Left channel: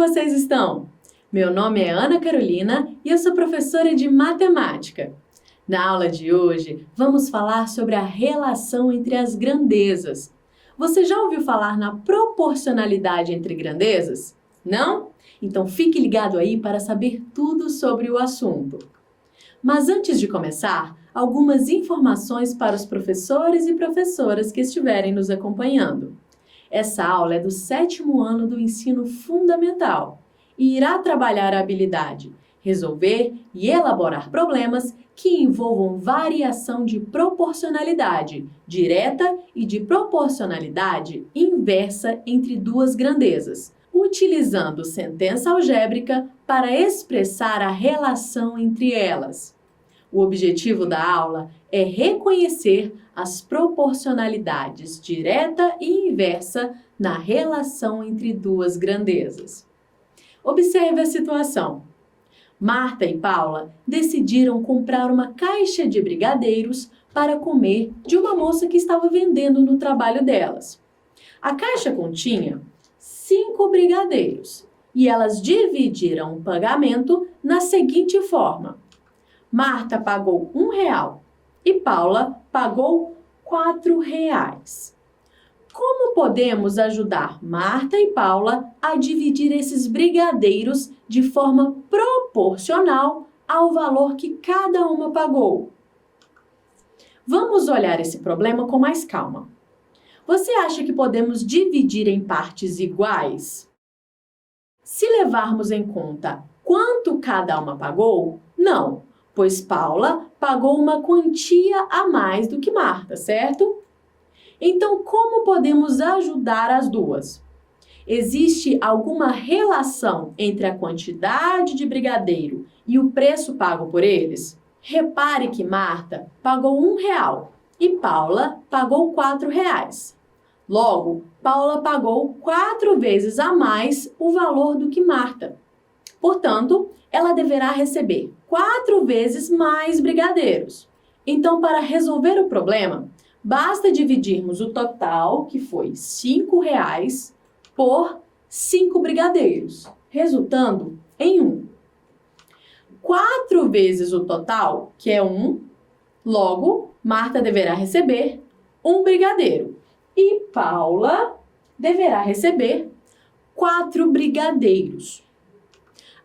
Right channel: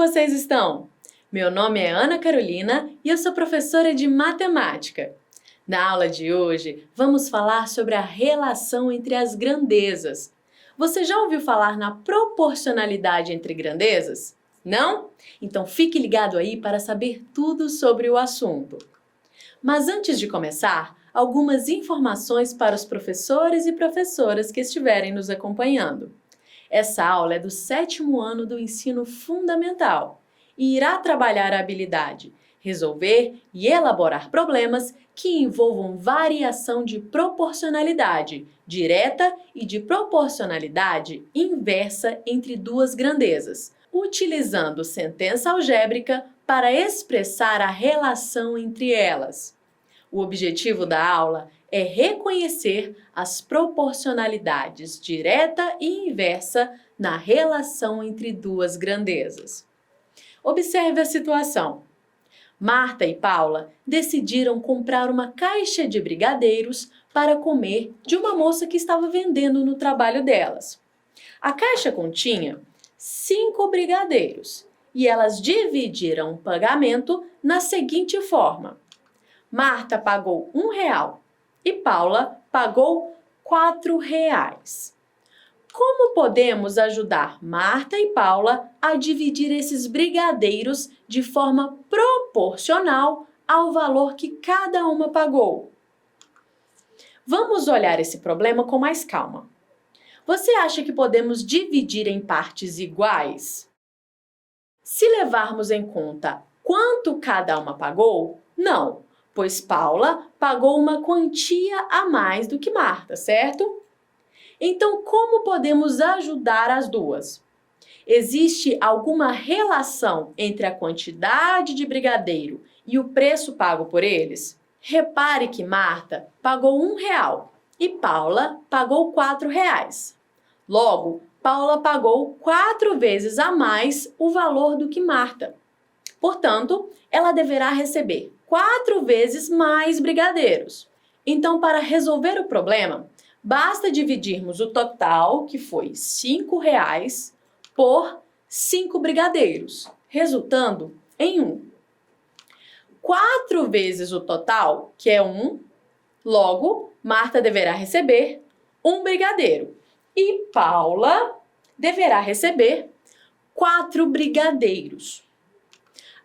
vocês estão? Meu nome é Ana Carolina e eu sou professora de matemática. Na aula de hoje, vamos falar sobre a relação entre as grandezas. Você já ouviu falar na proporcionalidade entre grandezas? Não? Então fique ligado aí para saber tudo sobre o assunto. Mas antes de começar, algumas informações para os professores e professoras que estiverem nos acompanhando. Essa aula é do 7º ano do ensino fundamental e irá trabalhar a habilidade resolver e elaborar problemas que envolvam variação de proporcionalidade direta e de proporcionalidade inversa entre duas grandezas, utilizando sentença algébrica para expressar a relação entre elas. O objetivo da aula é reconhecer as proporcionalidades direta e inversa na relação entre duas grandezas. Observe a situação. Marta e Paula decidiram comprar uma caixa de brigadeiros para comer de uma moça que estava vendendo no trabalho delas. A caixa continha 5 brigadeiros e elas dividiram o pagamento na seguinte forma. Marta pagou R$1 e Paula pagou R$4. Como podemos ajudar Marta e Paula a dividir esses brigadeiros de forma proporcional ao valor que cada uma pagou? Vamos olhar esse problema com mais calma. Você acha que podemos dividir em partes iguais? Se levarmos em conta quanto cada uma pagou, não, pois Paula pagou uma quantia a mais do que Marta, certo? Então, como podemos ajudar as duas? Existe alguma relação entre a quantidade de brigadeiro e o preço pago por eles? Repare que Marta pagou R$1 e Paula pagou R$4. Logo, Paula pagou 4 vezes a mais o valor do que Marta. Portanto, ela deverá receber 4 vezes mais brigadeiros. Então, para resolver o problema, basta dividirmos o total, que foi R$5, por 5 brigadeiros, resultando em 1. 4 vezes o total, que é 1, logo, Marta deverá receber 1 brigadeiro e Paula deverá receber 4 brigadeiros.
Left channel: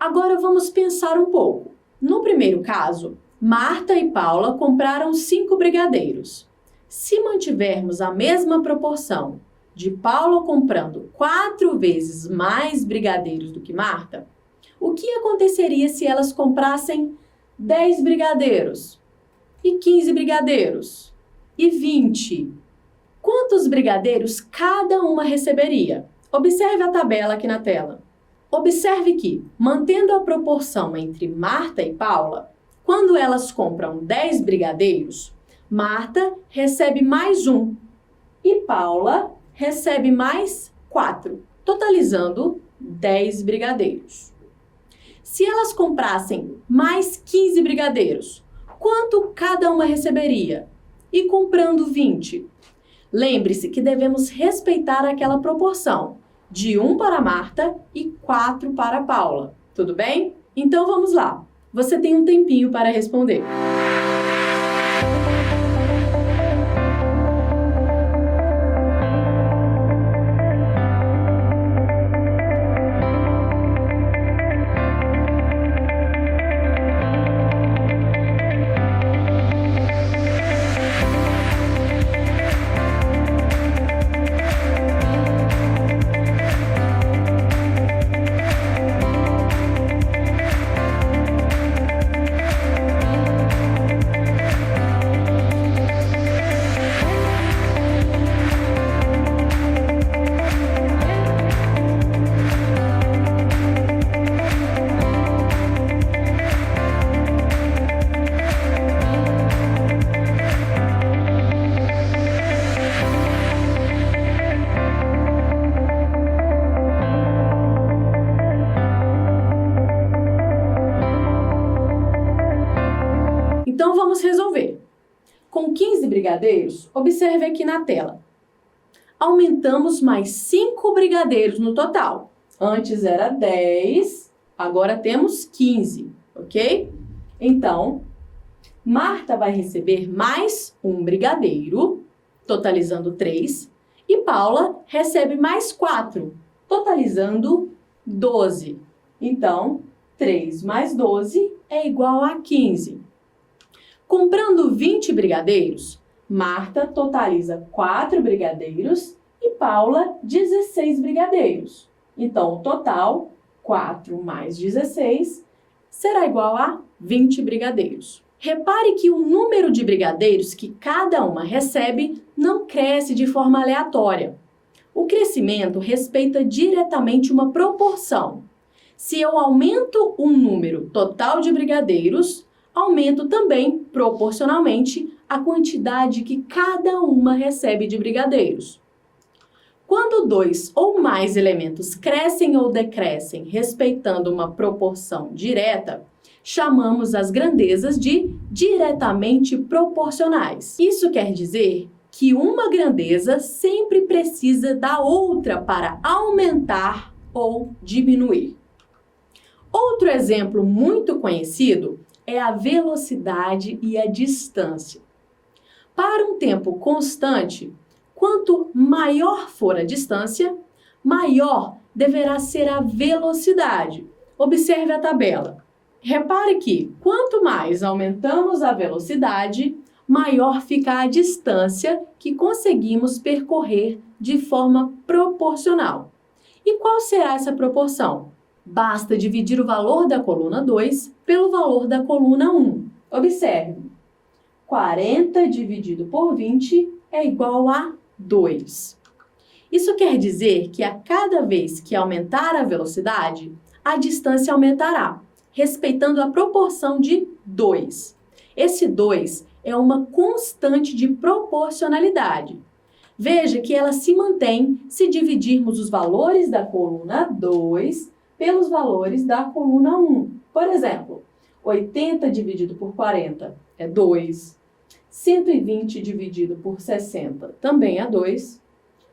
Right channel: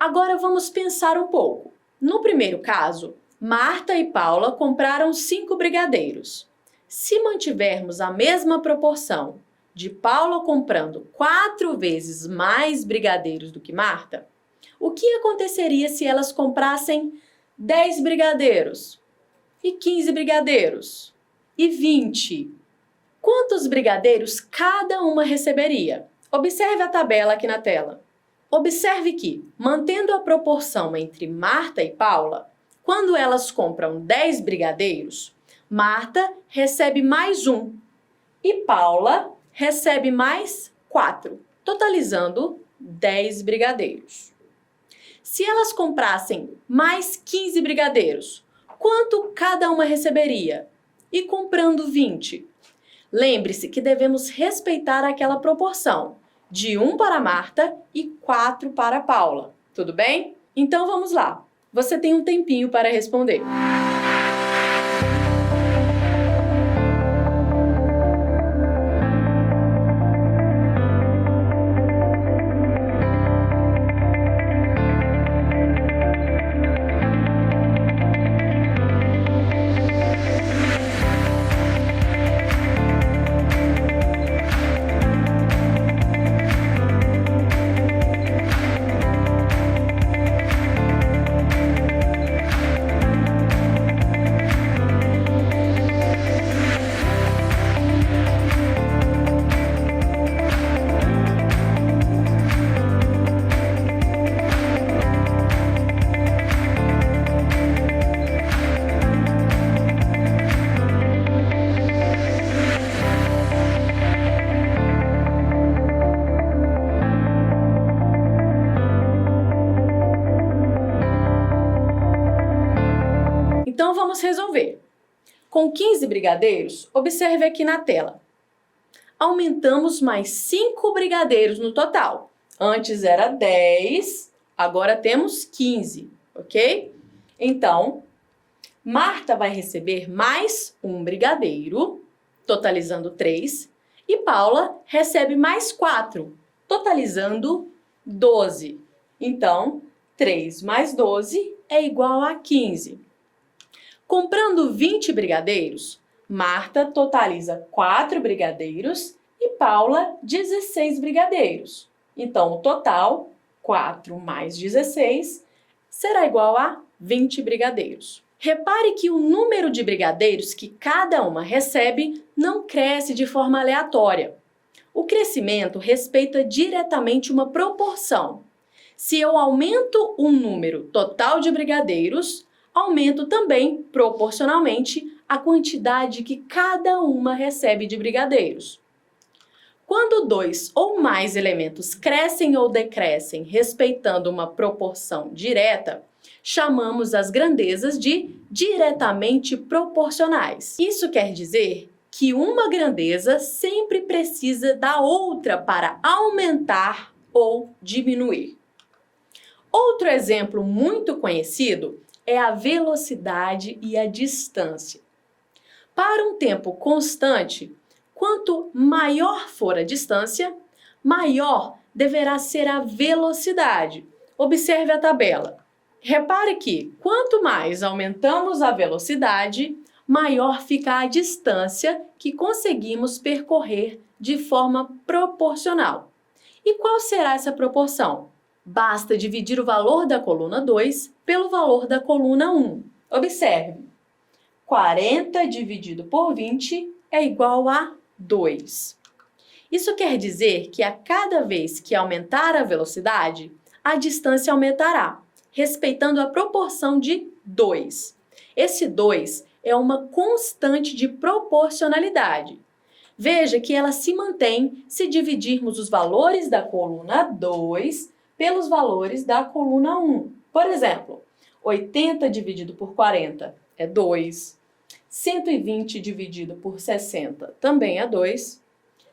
Agora vamos pensar um pouco. No primeiro caso, Marta e Paula compraram 5 brigadeiros. Se mantivermos a mesma proporção de Paula comprando 4 vezes mais brigadeiros do que Marta, o que aconteceria se elas comprassem 10 brigadeiros, e 15 brigadeiros, e 20? Quantos brigadeiros cada uma receberia? Observe a tabela aqui na tela. Observe que, mantendo a proporção entre Marta e Paula, quando elas compram 10 brigadeiros, Marta recebe mais 1 e Paula recebe mais 4, totalizando 10 brigadeiros. Se elas comprassem mais 15 brigadeiros, quanto cada uma receberia? E comprando 20? Lembre-se que devemos respeitar aquela proporção de 1 para Marta e 4 para Paula. Tudo bem? Então vamos lá. Você tem um tempinho para responder. Então, vamos resolver. Com 15 brigadeiros, observe aqui na tela. Aumentamos mais 5 brigadeiros no total. Antes era 10, agora temos 15, ok? Então, Marta vai receber mais um brigadeiro, totalizando 3, e Paula recebe mais 4, totalizando 12. Então, 3 mais 12 é igual a 15. Comprando 20 brigadeiros, Marta totaliza 4 brigadeiros e Paula 16 brigadeiros. Então, o total, 4 mais 16, será igual a 20 brigadeiros. Repare que o número de brigadeiros que cada uma recebe não cresce de forma aleatória. O crescimento respeita diretamente uma proporção. Se eu aumento um número total de brigadeiros, aumento também, proporcionalmente, a quantidade que cada uma recebe de brigadeiros. Quando 2 ou mais elementos crescem ou decrescem respeitando uma proporção direta, chamamos as grandezas de diretamente proporcionais. Isso quer dizer que uma grandeza sempre precisa da outra para aumentar ou diminuir. Outro exemplo muito conhecido é a velocidade e a distância. Para um tempo constante, quanto maior for a distância, maior deverá ser a velocidade. Observe a tabela. Repare que, quanto mais aumentamos a velocidade, maior fica a distância que conseguimos percorrer de forma proporcional. E qual será essa proporção? Basta dividir o valor da coluna 2 pelo valor da coluna 1. Observe, 40 dividido por 20 é igual a 2. Isso quer dizer que a cada vez que aumentar a velocidade, a distância aumentará, respeitando a proporção de 2. Esse 2 é uma constante de proporcionalidade. Veja que ela se mantém se dividirmos os valores da coluna 2 pelos valores da coluna 1. Por exemplo, 80 dividido por 40 é 2, 120 dividido por 60 também é 2,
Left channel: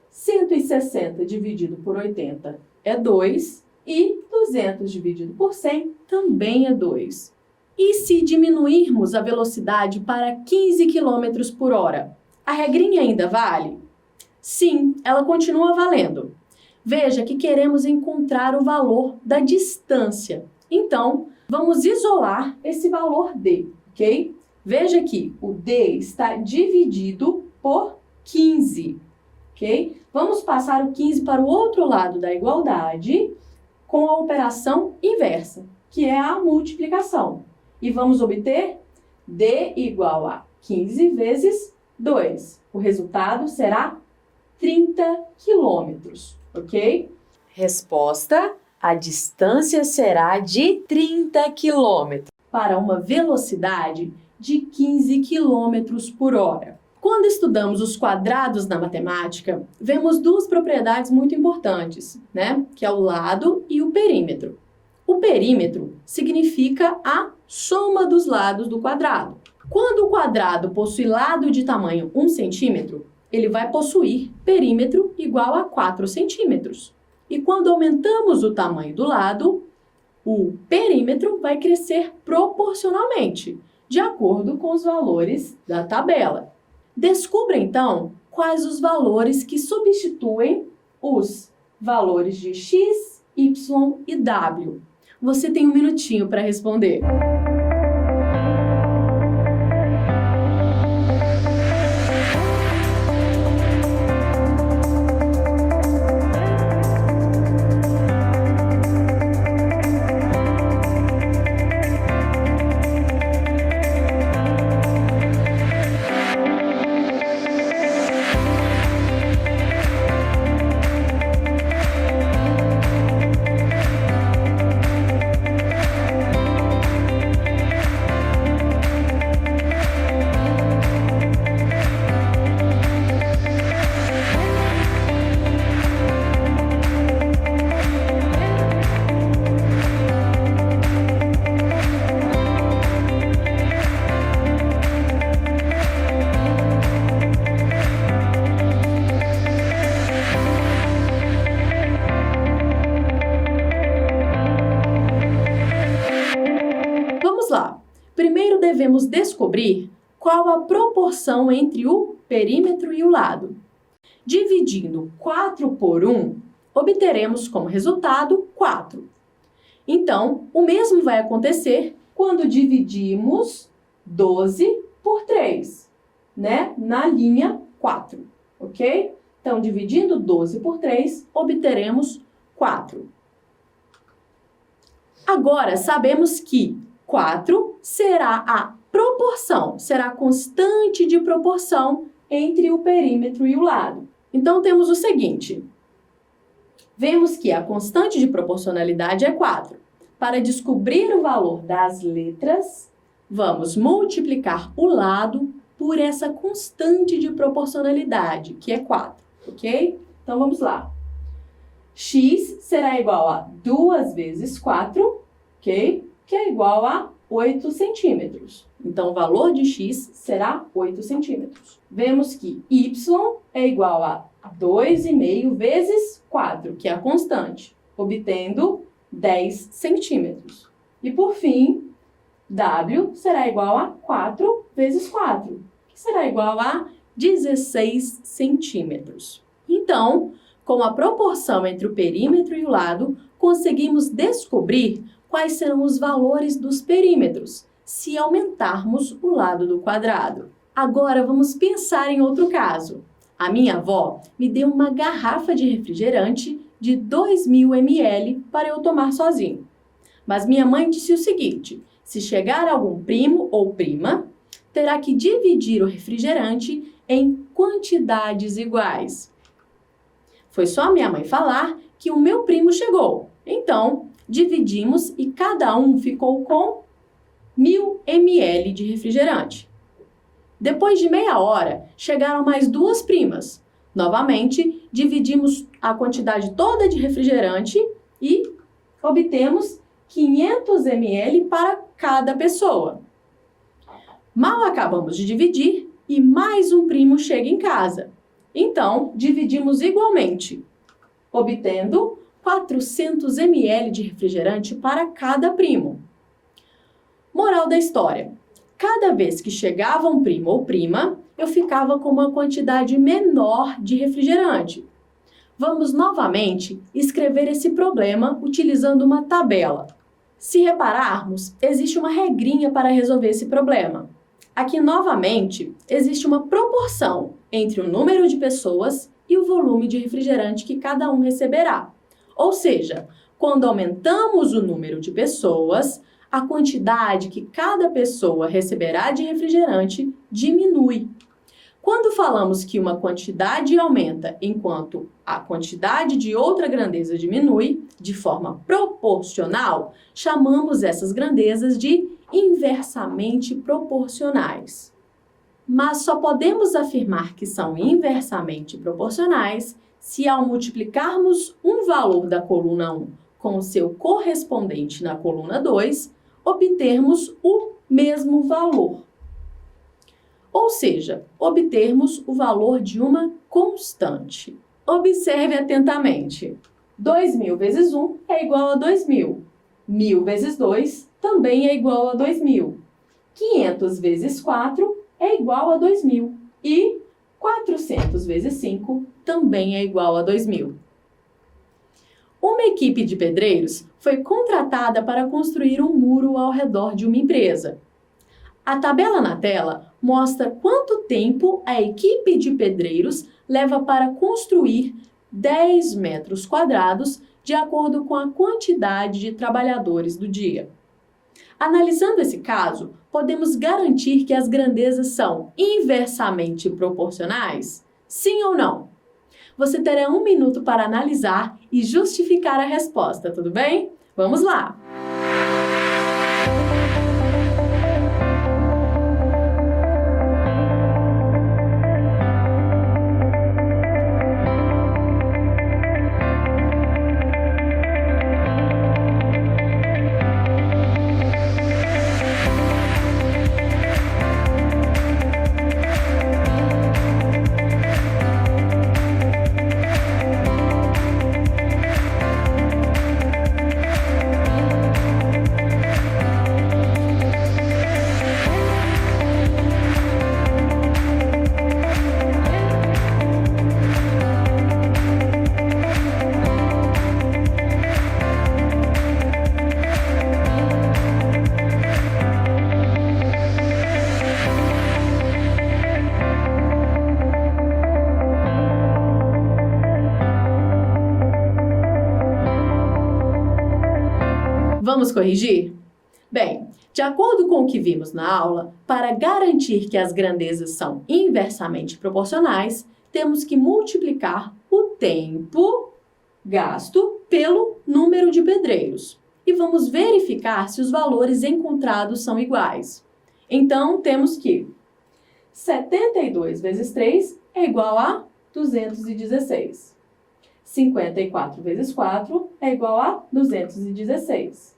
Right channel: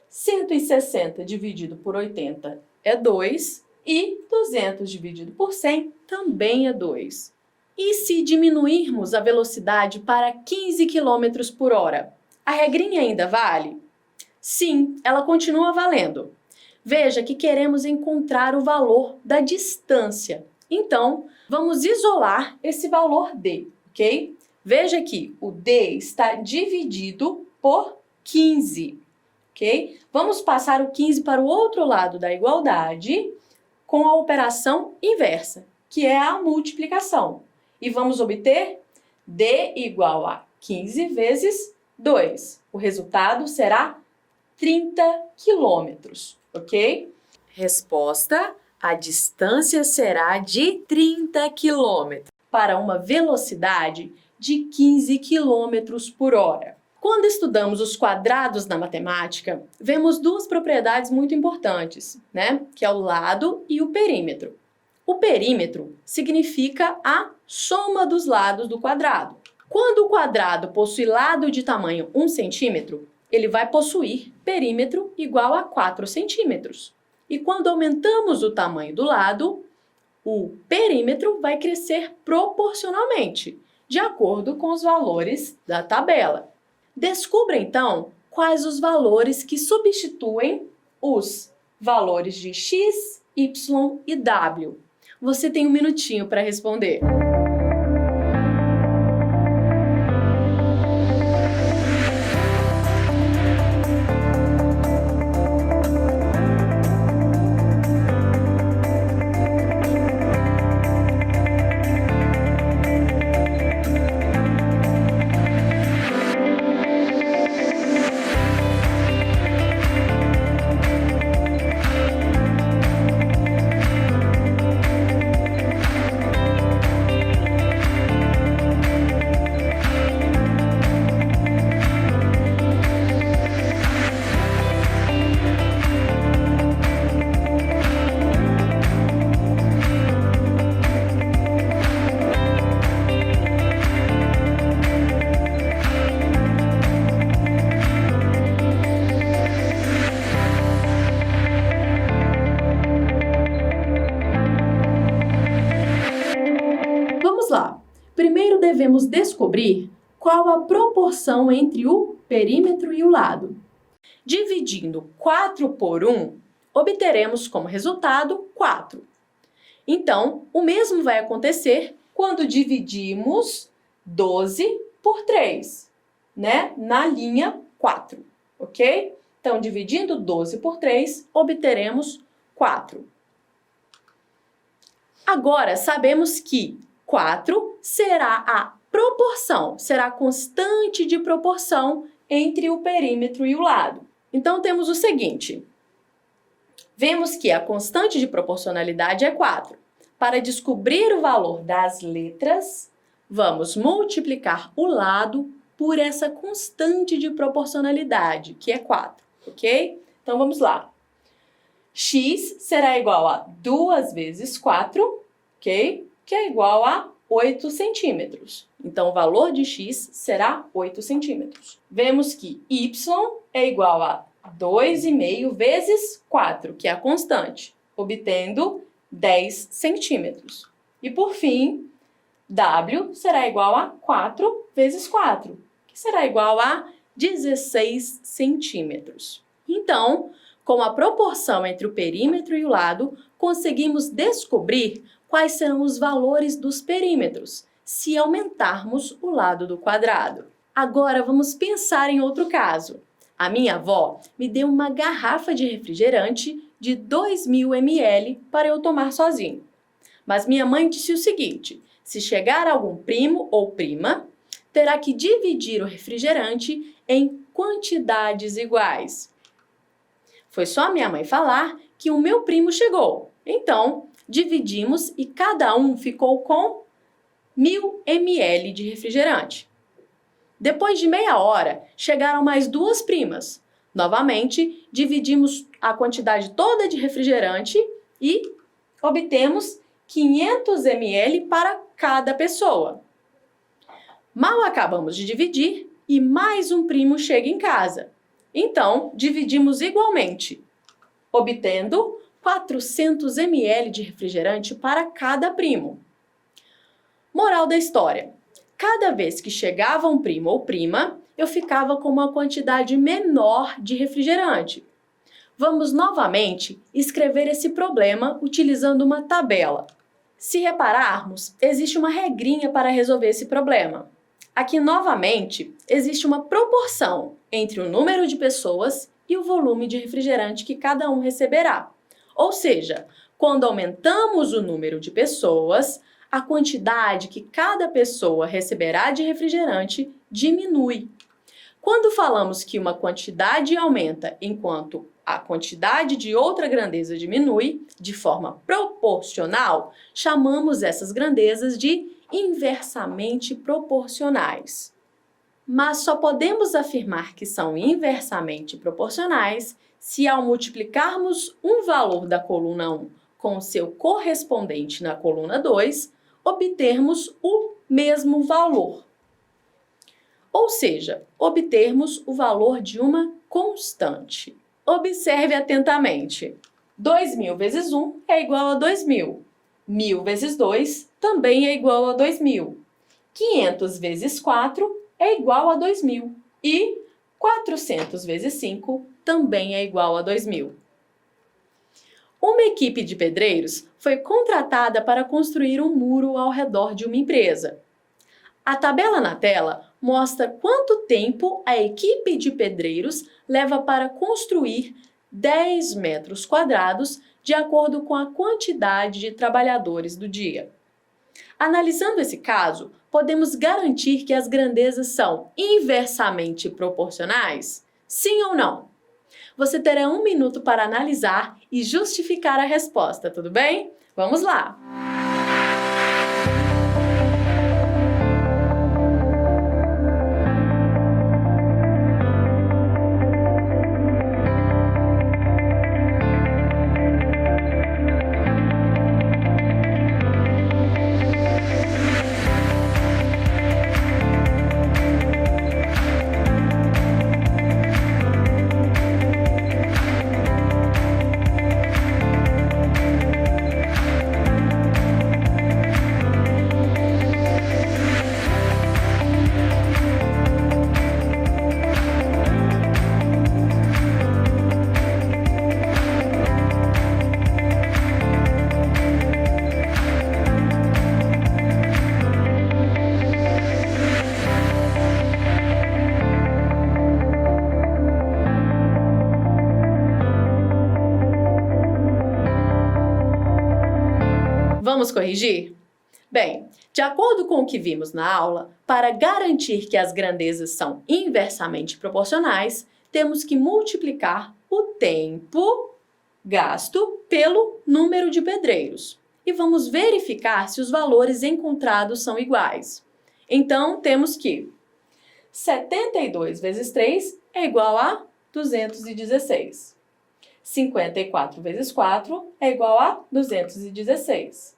160 dividido por 80 é 2 e 200 dividido por 100 também é 2. E se diminuirmos a velocidade para 15 km por hora, a regrinha ainda vale? Sim, ela continua valendo. Veja que queremos encontrar o valor da distância. Então, vamos isolar esse valor d, ok? Veja que o d está dividido por 15, ok? Vamos passar o 15 para o outro lado da igualdade com a operação inversa, que é a multiplicação. E vamos obter d igual a 15 vezes 2. O resultado será 30 quilômetros, ok? Resposta: a distância será de 30 quilômetros para uma velocidade de 15 quilômetros por hora. Quando estudamos os quadrados na matemática, vemos duas propriedades muito importantes, né? Que é o lado e o perímetro. O perímetro significa a soma dos lados do quadrado. Quando o quadrado possui lado de tamanho 1 centímetro, ele vai possuir perímetro igual a 4 centímetros. E quando aumentamos o tamanho do lado, o perímetro vai crescer proporcionalmente, de acordo com os valores da tabela. Descubra, então, quais os valores que substituem os valores de x, y e w. Você tem um minutinho para responder. Primeiro devemos descobrir qual a proporção entre o perímetro e o lado. Dividindo 4 por 1, obteremos como resultado 4. Então, o mesmo vai acontecer quando dividimos 12 por 3, né? Na linha 4, ok? Então, dividindo 12 por 3, obteremos 4. Agora, sabemos que 4 será a proporção, será a constante de proporção entre o perímetro e o lado. Então, temos o seguinte. Vemos que a constante de proporcionalidade é 4. Para descobrir o valor das letras, vamos multiplicar o lado por essa constante de proporcionalidade, que é 4, ok? Então, vamos lá. X será igual a 2 vezes 4, ok? Que é igual a 8 centímetros. Então, o valor de x será 8 centímetros. Vemos que y é igual a 2,5 vezes 4, que é a constante, obtendo 10 centímetros. E, por fim, w será igual a 4 vezes 4, que será igual a 16 centímetros. Então, com a proporção entre o perímetro e o lado, conseguimos descobrir quais serão os valores dos perímetros, se aumentarmos o lado do quadrado. Agora, vamos pensar em outro caso. A minha avó me deu uma garrafa de refrigerante de 2.000 ml para eu tomar sozinho. Mas minha mãe disse o seguinte: se chegar algum primo ou prima, terá que dividir o refrigerante em quantidades iguais. Foi só minha mãe falar que o meu primo chegou. Então, dividimos e cada um ficou com 1.000 ml de refrigerante. Depois de meia hora, chegaram mais 2 primas. Novamente, dividimos a quantidade toda de refrigerante e obtemos 500 ml para cada pessoa. Mal acabamos de dividir e mais um primo chega em casa. Então, dividimos igualmente, obtendo 400 ml de refrigerante para cada primo. Moral da história: cada vez que chegava um primo ou prima, eu ficava com uma quantidade menor de refrigerante. Vamos novamente escrever esse problema utilizando uma tabela. Se repararmos, existe uma regrinha para resolver esse problema. Aqui, novamente, existe uma proporção entre o número de pessoas e o volume de refrigerante que cada um receberá. Ou seja, quando aumentamos o número de pessoas, a quantidade que cada pessoa receberá de refrigerante diminui. Quando falamos que uma quantidade aumenta enquanto a quantidade de outra grandeza diminui, de forma proporcional, chamamos essas grandezas de inversamente proporcionais. Mas só podemos afirmar que são inversamente proporcionais se, ao multiplicarmos um valor da coluna 1 com o seu correspondente na coluna 2, obtermos o mesmo valor. Ou seja, obtermos o valor de uma constante. Observe atentamente. 2.000 vezes 1 é igual a 2.000. 1.000 vezes 2 também é igual a 2.000. 500 vezes 4 é igual a 2.000. E 400 vezes 5 também é igual a 2.000. Uma equipe de pedreiros foi contratada para construir um muro ao redor de uma empresa. A tabela na tela mostra quanto tempo a equipe de pedreiros leva para construir 10 metros quadrados de acordo com a quantidade de trabalhadores do dia. Analisando esse caso, podemos garantir que as grandezas são inversamente proporcionais? Sim ou não? Você terá 1 minuto para analisar e justificar a resposta, tudo bem? Vamos lá! Vamos corrigir? Bem, de acordo com o que vimos na aula, para garantir que as grandezas são inversamente proporcionais, temos que multiplicar o tempo gasto pelo número de pedreiros. E vamos verificar se os valores encontrados são iguais. Então, temos que 72 vezes 3 é igual a 216. 54 vezes 4 é igual a 216.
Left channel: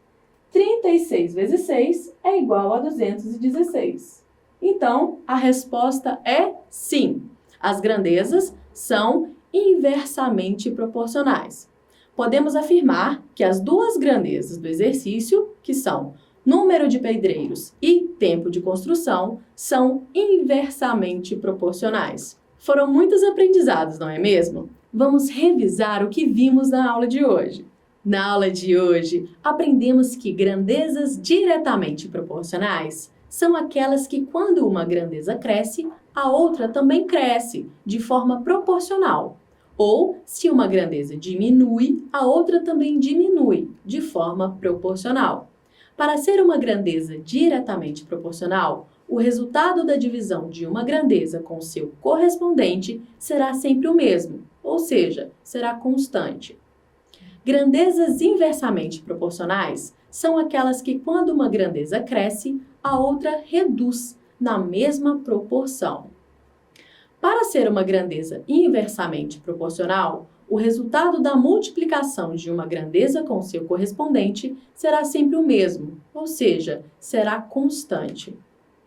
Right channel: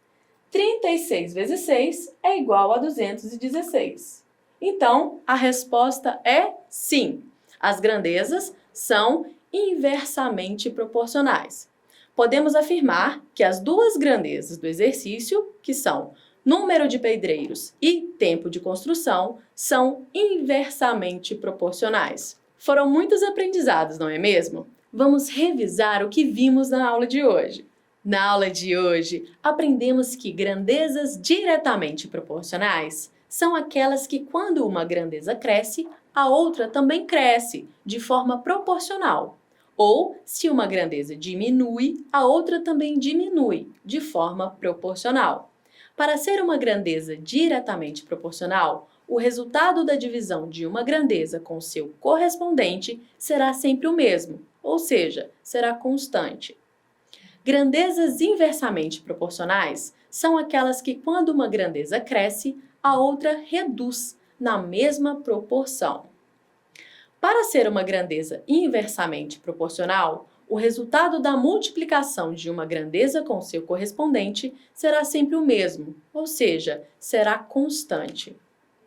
36 vezes 6 é igual a 216. Então, a resposta é sim. As grandezas são inversamente proporcionais. Podemos afirmar que as duas grandezas do exercício, que são número de pedreiros e tempo de construção, são inversamente proporcionais. Foram muitos aprendizados, não é mesmo? Vamos revisar o que vimos na aula de hoje. Na aula de hoje, aprendemos que grandezas diretamente proporcionais são aquelas que, quando uma grandeza cresce, a outra também cresce, de forma proporcional. Ou, se uma grandeza diminui, a outra também diminui, de forma proporcional. Para ser uma grandeza diretamente proporcional, o resultado da divisão de uma grandeza com seu correspondente será sempre o mesmo, ou seja, será constante. Grandezas inversamente proporcionais são aquelas que, quando uma grandeza cresce, a outra reduz na mesma proporção. Para ser uma grandeza inversamente proporcional, o resultado da multiplicação de uma grandeza com seu correspondente será sempre o mesmo, ou seja, será constante.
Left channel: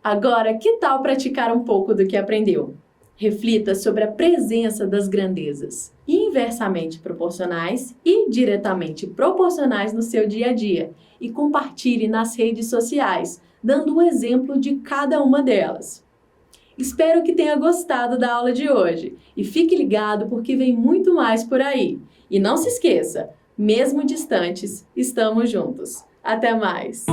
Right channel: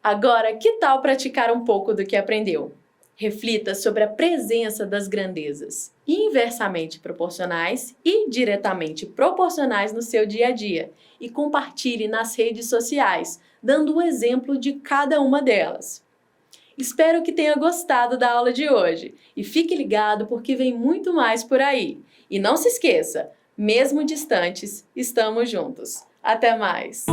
Agora, que tal praticar um pouco do que aprendeu? Reflita sobre a presença das grandezas inversamente proporcionais e diretamente proporcionais no seu dia a dia e compartilhe nas redes sociais, dando o exemplo de cada uma delas. Espero que tenha gostado da aula de hoje e fique ligado porque vem muito mais por aí. E não se esqueça, mesmo distantes, estamos juntos. Até mais!